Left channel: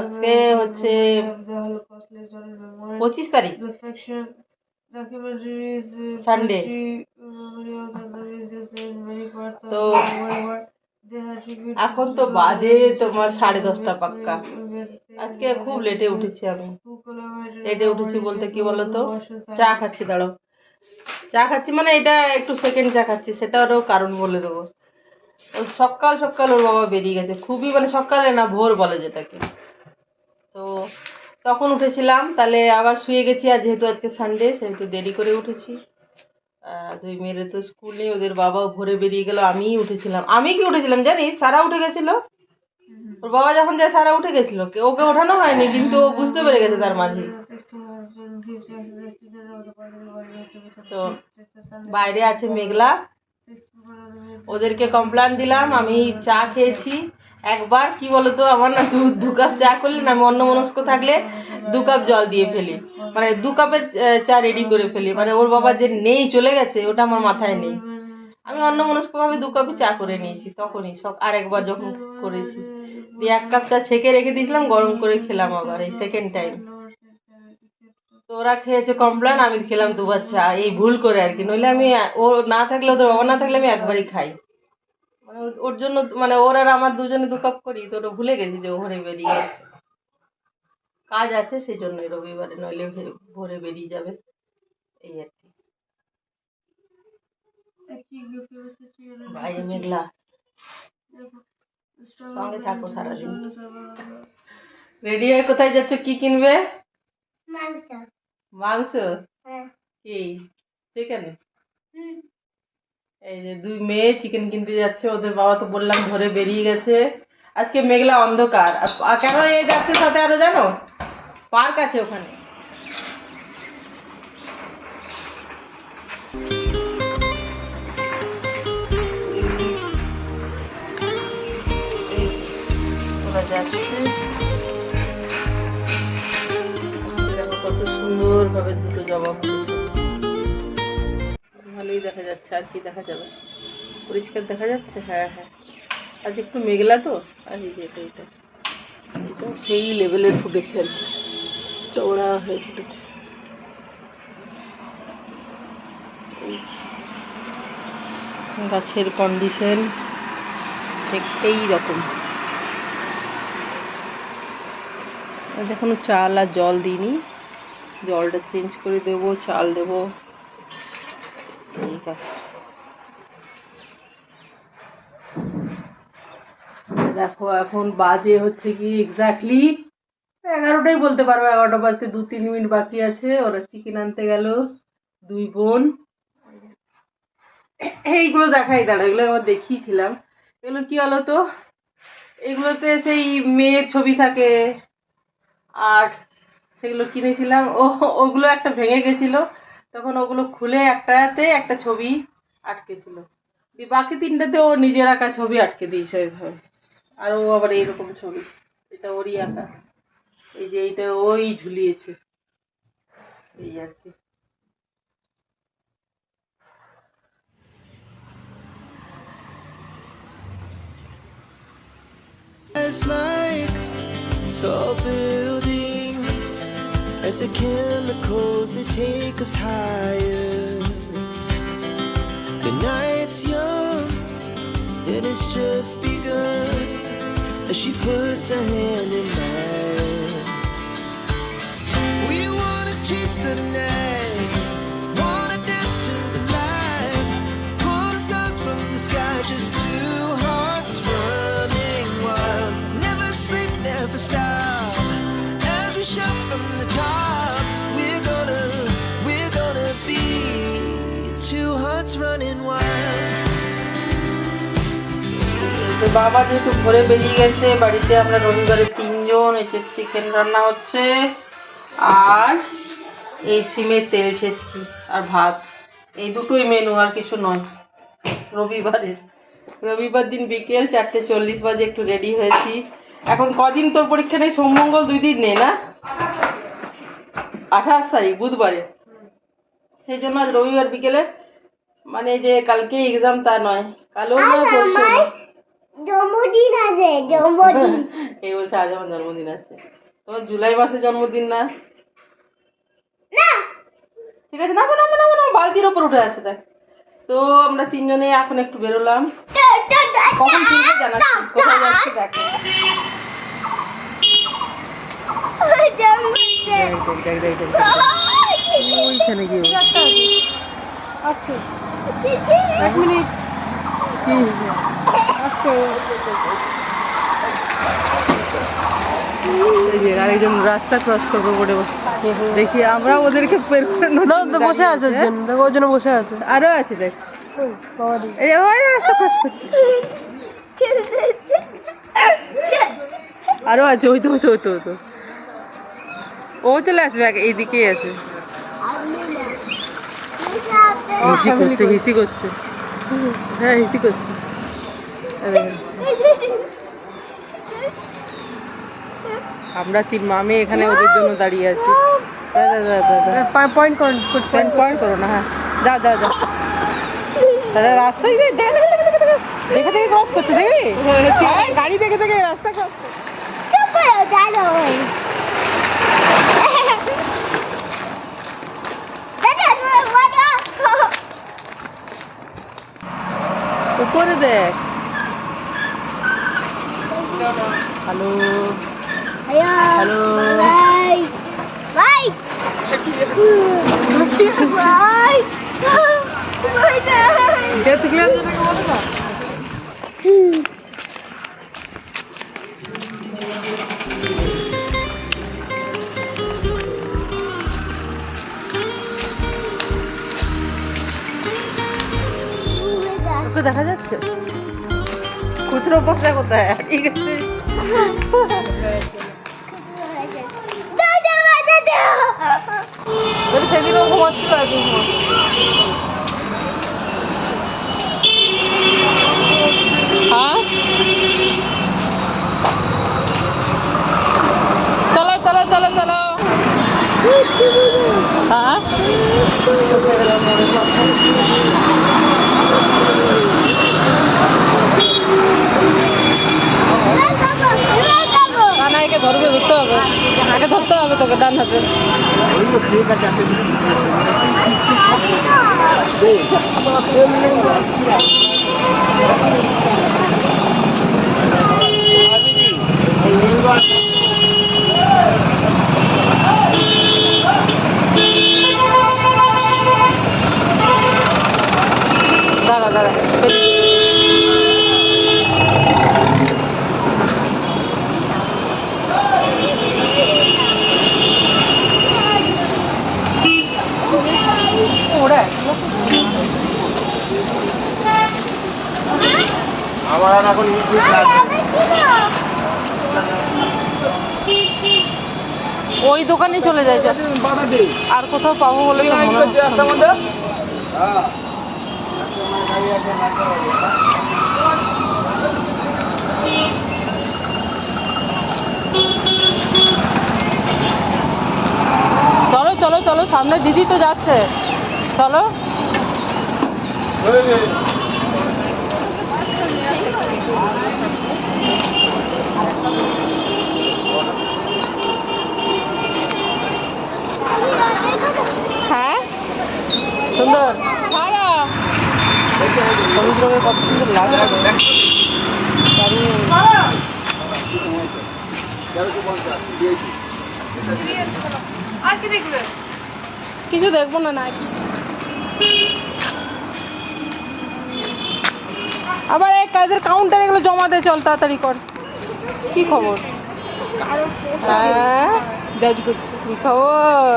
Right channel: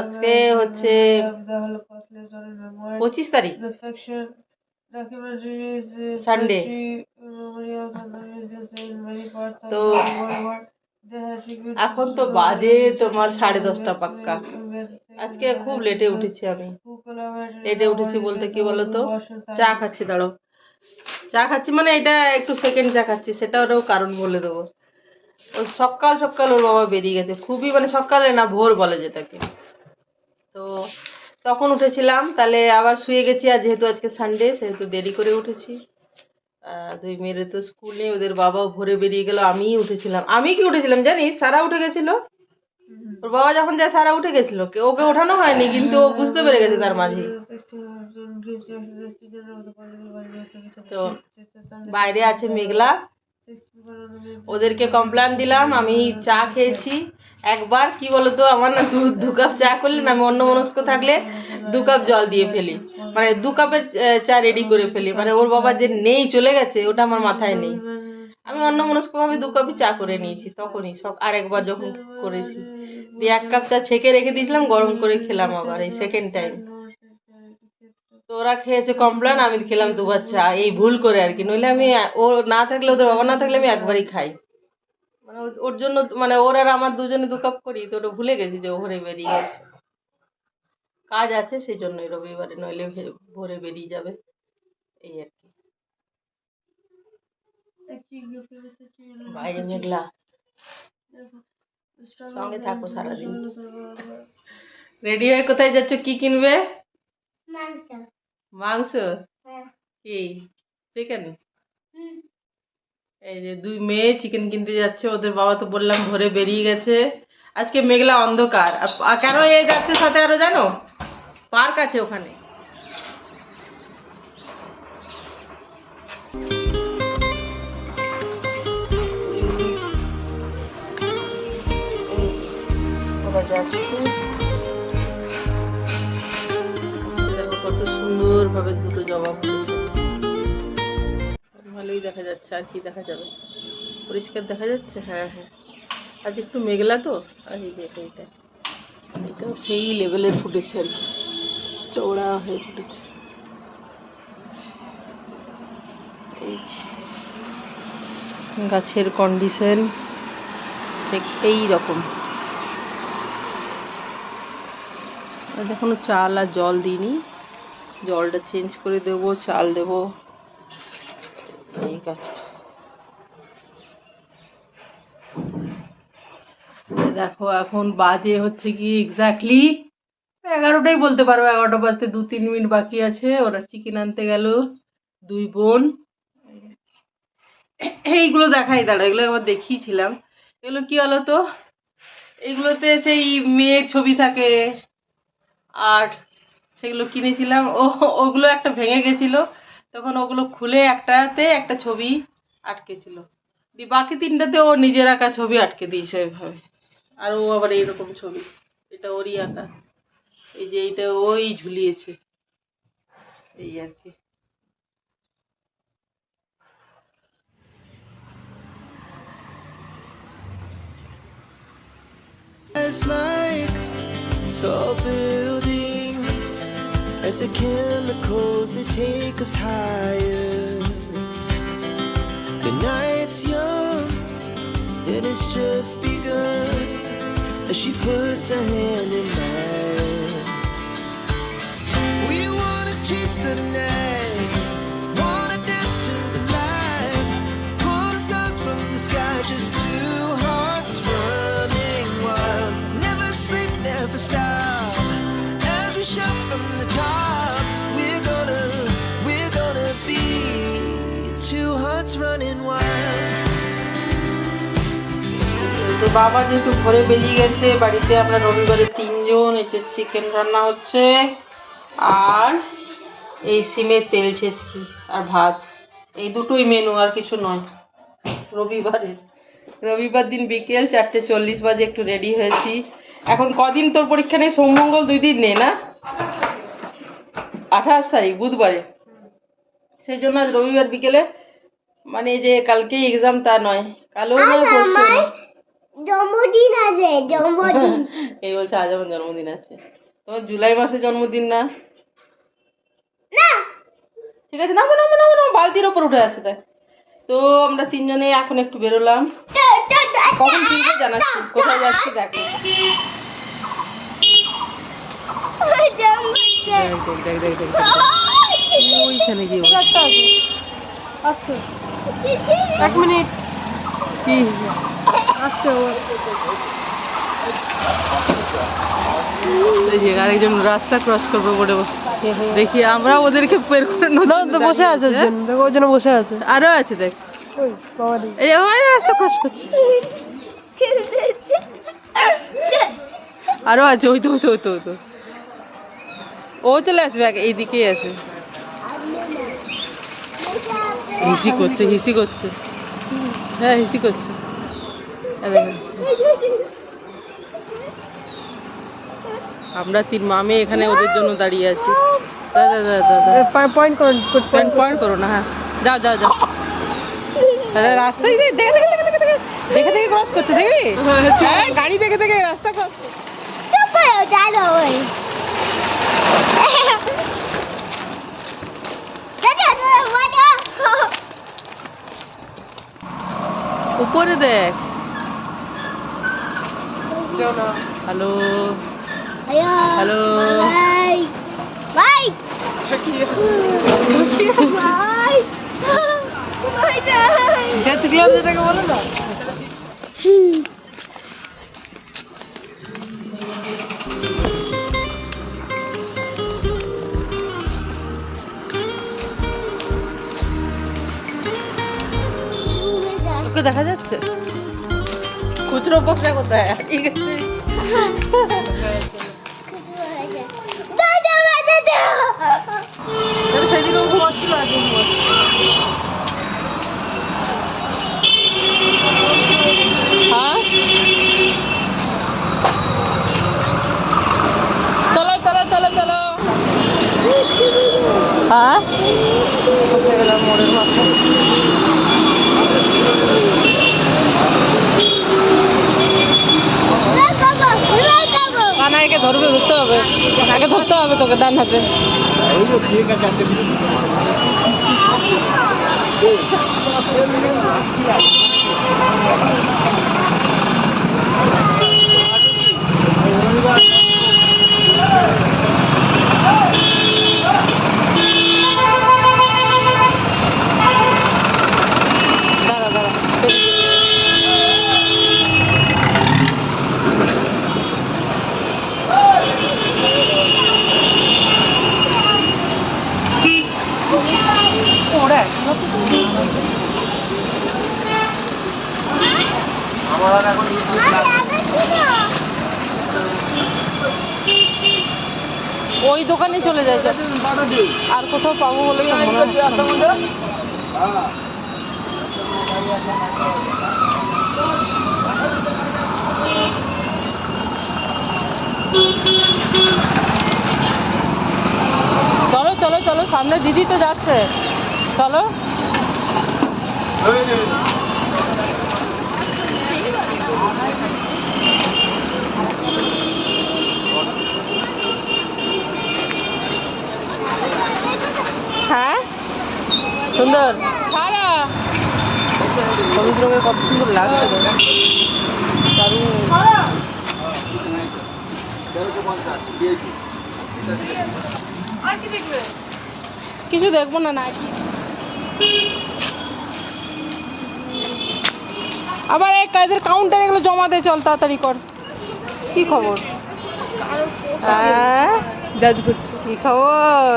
আজকে হচ্ছে 25 তারিখ, সানডে। তো এখন তো বাজে তোমার 10:30 পাক্কা। আজকে খুব লেটে উঠেছি আমি। লেটে উঠেছি বলতে কি বলতো, চা খাচ্ছি, দাঁড়াও। চা খাচ্ছি মানে এটা একটু সেকেন্ড চা খাচ্ছি, সেটারও কারণ বলে দেবো। ও সকাল সকাল ওর বাবা বেরিয়ে গেছে, খুবই মানে সকালে না, ভোর বলে যেটাকে। তো তখন উঠেছিলাম, তাহলে আবার শুয়ে গেছি। আর যেহেতু আজকে সানডে সেহেতু দেরি করে উঠেছি। দুই মেয়ের তো স্কুল নেই, ওদের বাবাও ভোরে বেরিয়ে গেল, আমিই উঠেছিলাম। আমি কি উঠেছিলাম জানিস, সারা উঠে গেছিল। ওর বাবা যখন যায় সারা উঠে গেছিল, ওকে ওঠানো হয়নি, কিন্তু ও বুঝতে পেরে গেছে তার মাঝে। তো বাইরে আছে মেঘলা, ওদেরকে কমপ্লেন দিলাম, আমি চা খেয়েছি। একবার কি বলতো, আমার না দু কাপ চা করলে না, আমি অন্য মনস্ক থাকলে 2 কাপ জল দিয়ে ফেলি, মানে 2 কাপের চা রেডি করে ফেলি। মানে ওর বাবা যে নেই, চলে গেছে, ওটা আমার মাথায় নেই। আমি অন্য মনস্ক ভাবে 2 কাপই চা করে নিয়েছি তখনই, আরেকবার যখন করেছি দিয়ে 1 কাপ চা ছেঁকে রেখে দিয়েছিলাম, গরম করে খেলাম আবার, এই সেকেন্ড টাইম। তো ওরা খেয়েছে কমপ্লেন, আমি খেলাম 2 বার চা, এই ভুল করে আর কি। নইলে আমি, ও না থাকলে, ওদের বাবা না থাকলে আমি একবারই খাই। মানে ওর জন্য, মানে ওর আর আমার দুজনে 2 কাপ করি, তো ওটা ভুলে গেছি যে ও ভোরে বেরিয়ে গেছে। কাজ আছে সেই জন্যই রবিবারে, নইলে ভোরে বেরিয়ে যাবে, এই আর কি। বাইরে মেঘলা, সঙ্গে থাকো সারাদিন। রেডি হয়ে কোথায় যাচ্ছ, কি কিনবে? মাংস? কি চিকেন? এই যে 2 মেয়ে চিকেন কিনতে যাচ্ছে, ওদের বাবা তো বললাম ভোরে বেরিয়ে গেছে। আজকে মেঘলা অন্ধকার। আর কেন এ যাচ্ছে সাথে আরো জানো, পার্ক আছে ওখানে। ওরা যাচ্ছে, দেখো কত সুন্দর ভাবে দুটো জবা ফুটেছে, ভালোই দেখা যাচ্ছে। আর কি দেখা যাবে, পরিষ্কার দেখা যাচ্ছে। হ্যাঁ হ্যাঁ, আজ একটু মেঘলা তো। আর এই যে এটা এটাও সেই লেভেলের ফুটেছে আর কি, চওড়া হয়ে ফুটেছে। এই গাছের কন্ডিশন ঠিক এই রকম। আজ এখনো চাল আর জল দিইনি, জলটা চেঞ্জ করে দেবো, চাল দেবো, এই কাজটা। দেখো এখন বাজে হচ্ছে কি এক্স্যাক্টলি 11টাই বলতে পারো, 11টা বাজতে 2-3 মিনিট বাকি আছে। ওরা চিকেন আনতে গেল, 2 বোন। এইগুলো দেখাই, দাঁড়া, এগুলো আবার দেখিয়েছিলাম। এগুলো কি হলো তো, এগুলোতে সেই মেয়ের ছবি থাকে, আর সেগুলো কিনেছিলাম। ওগুলো একটা ভেঙে গেছিলো, তখন ওগুলো খুলে একটাতে একটা ছবি আটকেছিল, দিয়ে বাকি 3টাতে ও নিজের আঁকা ছবি আটকে দিয়েছে ওইভাবে। আর ও আবার এইরকম ছবি, এটা ওরই আঁকা, এই যে এইটা ওই ঝুলিয়েছে, এই আর কি। It's like tall buildings, as the chemicals they take us higher. The night's young and it's just begun, as she puts her hand in mine. We wanna chase the night, wanna dance to the light, pull stars from the sky, just 2 hearts running wild. Never sleep, never stop, as we shout from the top. We're gonna be 2 hearts running wild. তো বাবা যেহেতু ভোরে বেরিয়ে গেছে, বাড়িতে আমরা রবিবারে 3 জন। এই যে চিকেন রান্না হচ্ছে, আর এই সিমের তেল ছেঁচকি আর ভাত, এই দুটোই মেনু, আর কিছু নয় রবিবার দিন বিকেল 4:40 বাজে একটু রেডি হয়েছি। এখন কদিন তোর পরীক্ষা নেই, সোম মঙ্গল 2 দিন নেই না, 28 তারিখ বুধবারে, সেই জন্য আজ রবিবার বিকেলে, মানে যে কালকে এক্সাম তা নয়, কালও নয় পরশু নয়, জন্মদিন আছে, জন্মদিন। এই বলছে আজ আমার জন্মদিন আছে। তোমার জুলাই মাসে জন্মদিন না? না, ঠিক আছে, নামো নামো নামো নামো, বালতির ওপর উঠে আছে দেখ। তো আমরা তিনজনে এখন একটু বেরোলাম, কখন ফিরবো জানাচ্ছি, কোথায় যাচ্ছি দেখো। দেখ দেখ দেখ দেখ দেখ, ওইখানে গিয়ে আচ্ছা 1 মিনিট কি আচ্ছা। এই যে আরেকজন রাস্তা ক্রস করবে বলে দেখি, আমরা ওদেরকে বের করে বসে আছে, দেখো ওই জন্য বসে আছে, আরো আছে দেখ, এই ওই রাস্তা ক্রস করছে, আরো আছে, ওই তো ওই তো ওই তো ওই তো, ও চলে আসবে, এইদিকেই আছে, হিসি করছে হিসি করছে, হ্যাঁ হিসি করছে, দেখেন আমরা 3 মামে এখানে ওদের জন্য দাঁড়িয়ে আছি। দাদা দাদা দাদা পয়েন্ট করো না, হ্যাঁ যাও যাও যাও, রাস্তায় দেখে দেখে দেখে ক্রস করছে, দেখবি হ্যাঁ গাড়ি দেখে দেখে রাস্তা ক্রস করছে। উপরে দেখ, হ্যালো হ্যালো বলে না, ওকে দেখা যাচ্ছে খুচরো বক্সা কোথায়, ঠিক আছে সেদিনও ঘুমাচ্ছিল, আজকে ঘুমাচ্ছিল। হ্যাঁ চলো চলো চলো চলো, হ্যাঁ মোড়ের মাথায় না, একে ধরবে, ধরতে হবে, একে ধরতে হবে তোকে ডান হাতে। দাঁড়া দাঁড়া, ওই দোকানে চলে যাই, আর কোথাও পাবো বলে তো মনে হচ্ছে না। চলো চলো চলো, সামনে দিদি তো যাচ্ছে, চলো। হ্যাঁ সুন্দর, হলুদ রঙের কত সুন্দর লাগছে, কিছু দেখবো না নাকি, আবার এই কাজের কাউন্টার এগুলো জমা দে, চল তাড়াতাড়ি কর। কি খবর? হ্যাঁ জাজ করছি, কি খবর?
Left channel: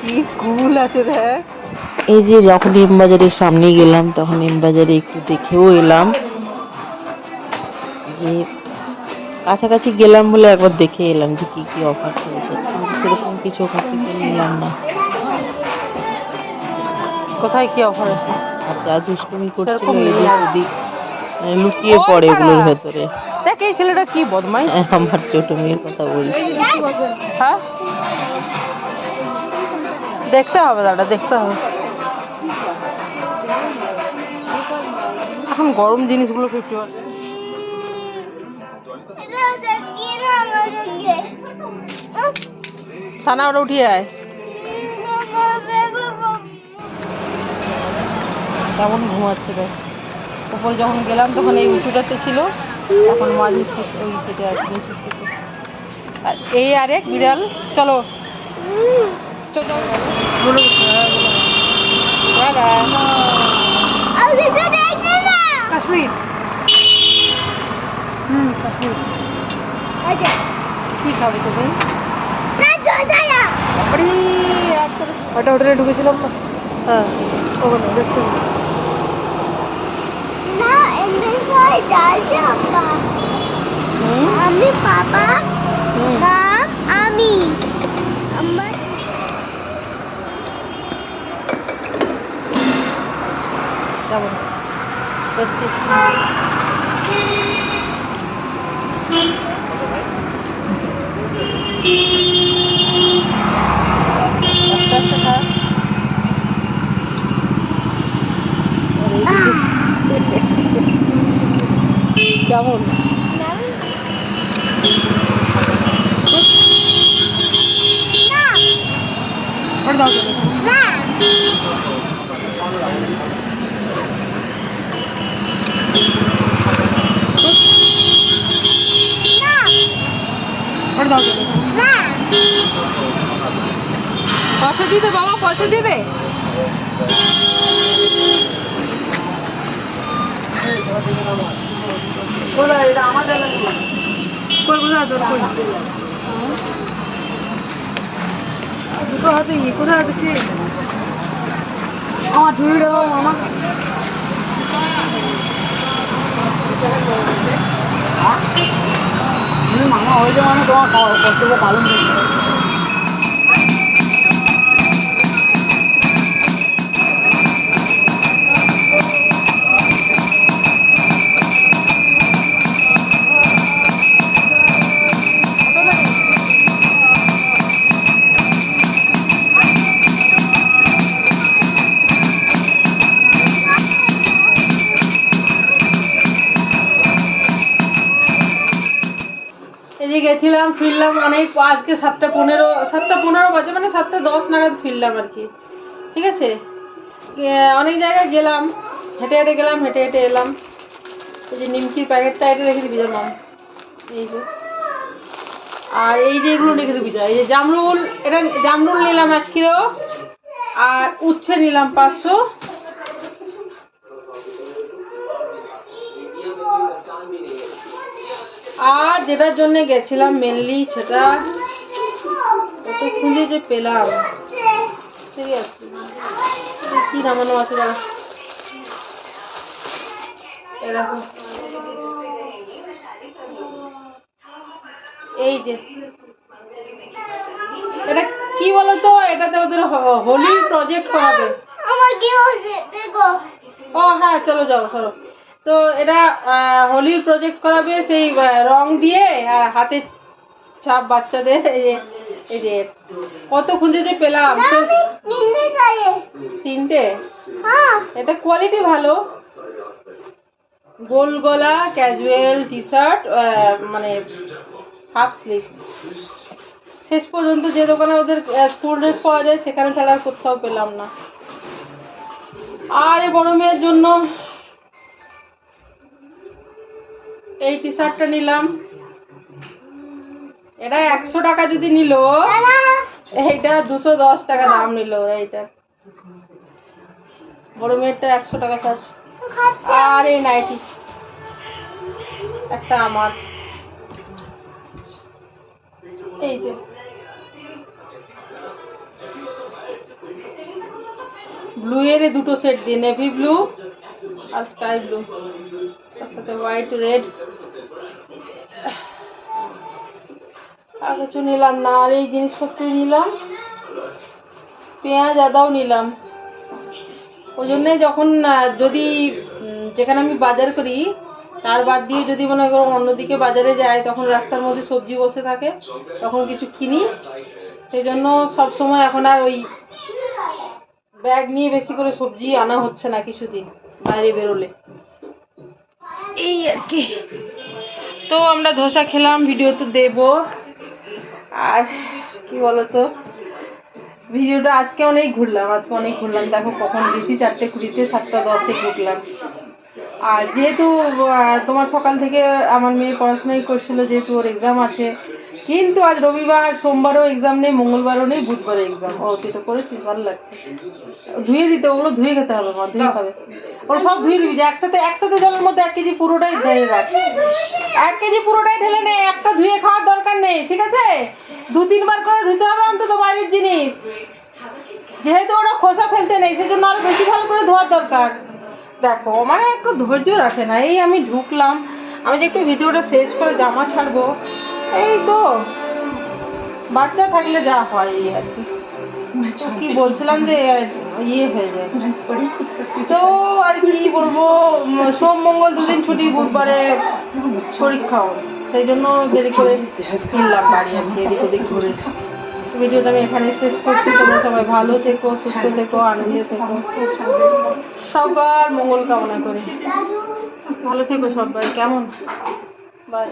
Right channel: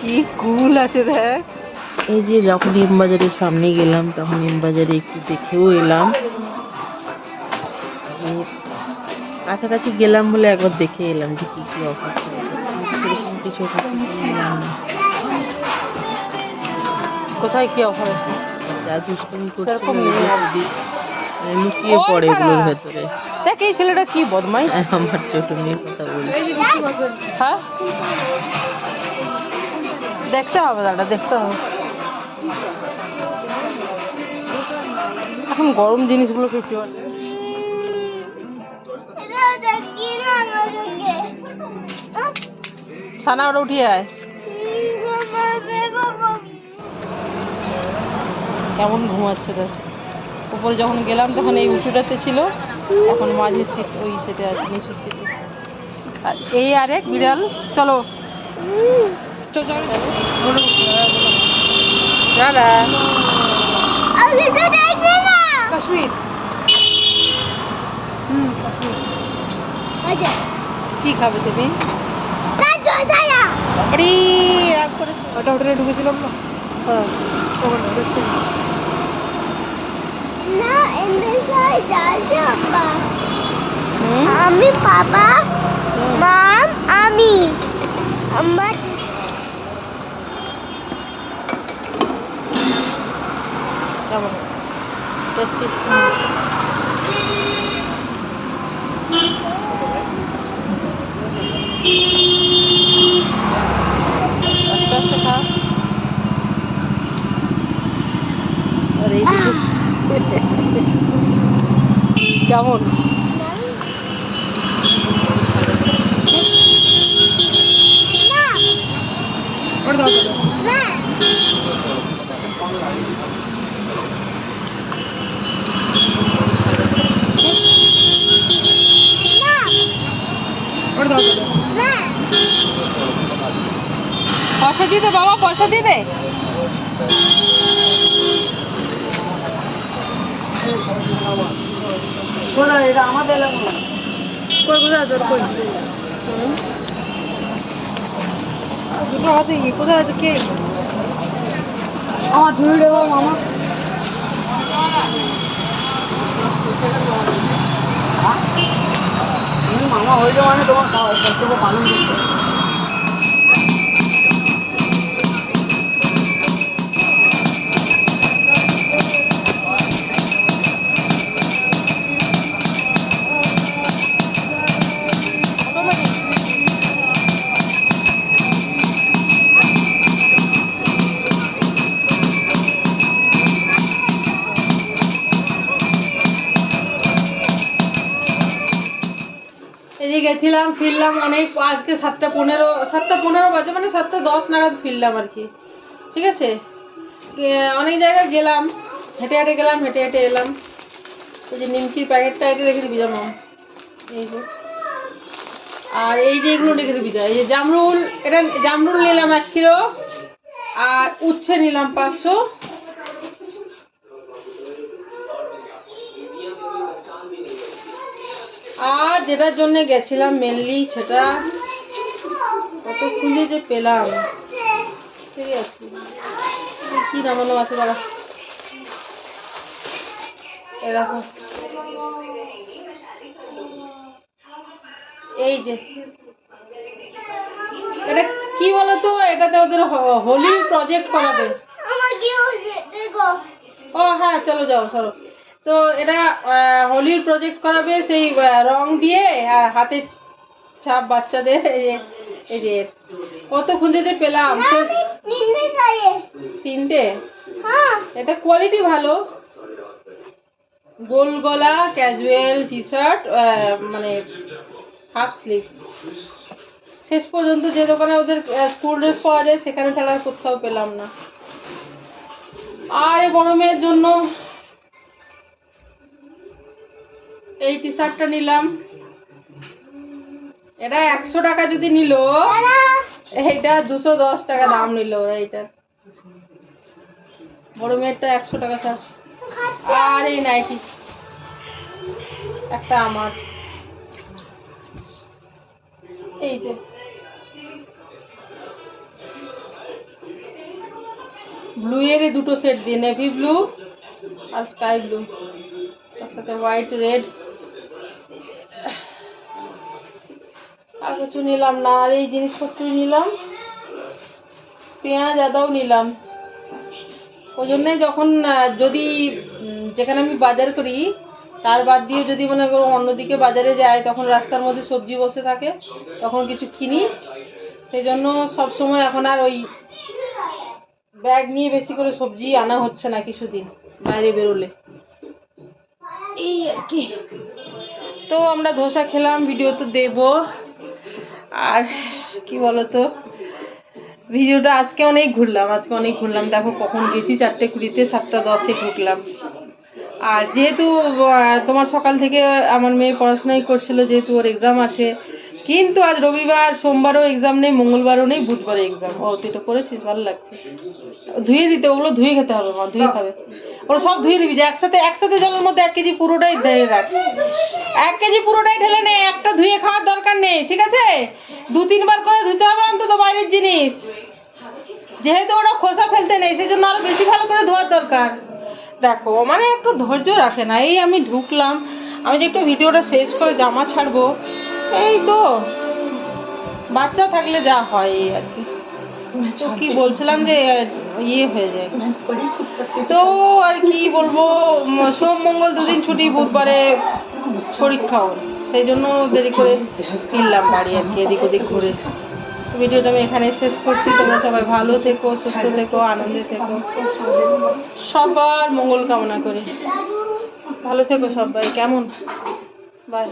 কি কুল আছে দেখ। এই যে যখন এম বাজারের সামনে গেলাম তখন এম বাজারে একটু দেখেও এলাম, কাছাকাছি গেলাম বলে একবার দেখে এলাম যে কি কি অফার চলছে, সেরকম কিছু অফার নিলাম না। কোথায় কি অফার আছে? যা দুষ্কর্মী করছিল লুকিয়ে পড়ে এগুলোর ভেতরে। দেখ এই ছেলেটা কি বদমাইশ, আমার ছোট মেয়ের কথা বলছি। হ্যাঁ দেখতে হবে, দাদা দেখতে হবে। এখন গরম জিনিসগুলো 50%। ছানা ওটা উঠিয়ে আয়। কেমন ঘুমাচ্ছে দেখ। উপরে যখন গেলাম তখন এই উঁচুটাতে ছিল, এখন মাঝের সিট ওই সিটে আছে, নিচুর সিটে। আর এই আরেক বিড়াল। চলো দাদা কাশ্মীর। কাশ্মীর কি খাবে তুমি? বাবারি রাগ করে ওটা হোটেলে ঢুকেছিলাম না। হ্যাঁ ওখানে রেস্টুরেন্ট। আমি বাবা মাম আমি আমার কেমন টেস্টি? আস্তে আস্তে খা। আর এই কেমন? পয়সা দিয়ে দে বাবা, পয়সা দিয়ে দে। এটা আমাদের এলাকা। কই কোথায় তোর কই? দুটো হাতে কি কোথায় আছে কে? আমার ধুইটা দাও মামা। মামা হইলে মানে তোমার কর্তব্য পালন করতে। এদিকে গেছিলাম, ফিরলাম অনেক, আজকে 7:15 বাজে, মানে 7:10 নাগাদ ফিরলাম আর কি। ঠিক আছে, অনেক জায়গায় গেলাম, হেঁটে হেঁটে গেলাম, হেঁটে হেঁটে এলাম। এই যে নিমকির প্যাকেটটা এটা রেখে দিবি যা মাম, এই যে। আর এই যে এগুলো রেখে দিবি যা। এই যে জামরুল, এটা জামরুল নিলাম 1 কিলো, আর উচ্ছে নিলাম 500। আর যেটার জন্য গেছিলাম মেনলি, সেটা কত খুঁজে যে পেলাম। ঠিক আছে, কি নামানো আছে দাঁড়া, এরকম। এই যে এটা কি বলতো, এটাতে ওদের হোলি প্রজেক্ট করাবে। ও হ্যাঁ চলো যাও সরো। তো এটা হোলির প্রজেক্ট করাবে, সেই রং দিয়ে আর হাতে ছাপ বাচ্চাদের। এই যে কত খুঁজে যে পেলাম। 3টে। এটা কোয়ালিটি ভালো, গোল গলা ক্যাজুয়াল টি শার্ট, মানে হাফ স্লিভ। শেষ পর্যন্ত যে দোকানে ওদের স্কুল ড্রেস পাওয়া যায় সেখানে ছাড়া আর কোথাও পেলাম না। আর এই বড় মেয়ের জন্য এই টি শার্টটা নিলাম। এটা 100 টাকা যদি নিল, এইটা 210 টাকা দাম নিল ওরা। এইটার বড় মেয়েরটা 100 টাকা সব। আর এই নাইটি একটা আমার, এই যে ব্লু এর দুটো সেট দিয়ে, নেভি ব্লু আর স্কাই ব্লু, তার সাথে হোয়াইট রেড। আর কিছু নিলাম না। আর এই জিনিসপত্র নিলাম, পেঁয়াজ আদাও নিলাম। ওই জন্যে যখন যদি যেখানে আমি বাজার করি তার বাদ দিয়ে যদি মনে করো অন্যদিকে বাজারে যাই, তখন রাস্তার মধ্যে সবজি বসে থাকে, তখন কিছু কিনি। সেই জন্য সবসময় এখন আর ওই ব্যাগ নিয়ে বেশি করে সবজি আনা হচ্ছে না কিছুদিন বাইরে বেরোলে। এই আর কি। তো আমরা ধোসা খেলাম, ভিডিও তো দেবো। আর কি বলতো, ভিডিওটা আজকে অনেক ঘুরলাম, দেখো কখন গেছি 4:20, 7:10 ঢুকলাম। আর যেহেতু তোমার সকাল থেকে আমার মেয়ে পড়াশোনাই করছিল, যেহেতু ওর এক্সাম আছে, কিন্তু আজ রবিবার, সোমবারও এক্সাম নেই, মঙ্গলবারও নেই, বুধবারও এক্সাম। ও তুই তো করেছিস, ভালো লাগছে। ধুয়ে দিতে, ওগুলো ধুয়ে খেতে হবে মা, ধুয়ে খাবে। ওগুলো সব ধুয়ে দিবি, যে একসাথে জলের মধ্যে 1 কেজি পুরোটাই ঢেলে রাখ। 1 কেজি পুরোটাই ঢেলে নে, একটা ধুয়ে খাওয়ার দরকার নেই, ঠিক আছে? 2-3 বার করে ধুতে হবে অন্তত বাইরের জিনিস, যেহেতু ওরা খোসা ফেলতে নেই, সেই জন্য আরো বেশি ভালো করে ধোয়ার দরকার। দেখো মানে একটু ধৈর্য রাখে না। এই আমি ঢুকলাম, আমি যে একটু ভিডিওটা শেষ করে জামা ছাড়বো, এই তো বাচ্চা থাকলে যা হয় এই আর কি। তো কি বলছিলাম যে ইয়ে হয়ে যায়, তো আর কি বলবো, সোম মঙ্গল 2 দিন ছুটি, বুধবারে পরীক্ষা ওর, সেই জন্য দেরি করে ফিরলাম বাড়ি আর কি, এদিক ওদিক ঘুরে। ভিডিওটা আমি এখানে শেষ করছি। তোমরা সবাই ভালো থেকো, সুস্থ থেকো, আনন্দে থেকো, সবার মঙ্গল কামনা করি। ভালো থেকো সবাই, কেমন? বাই।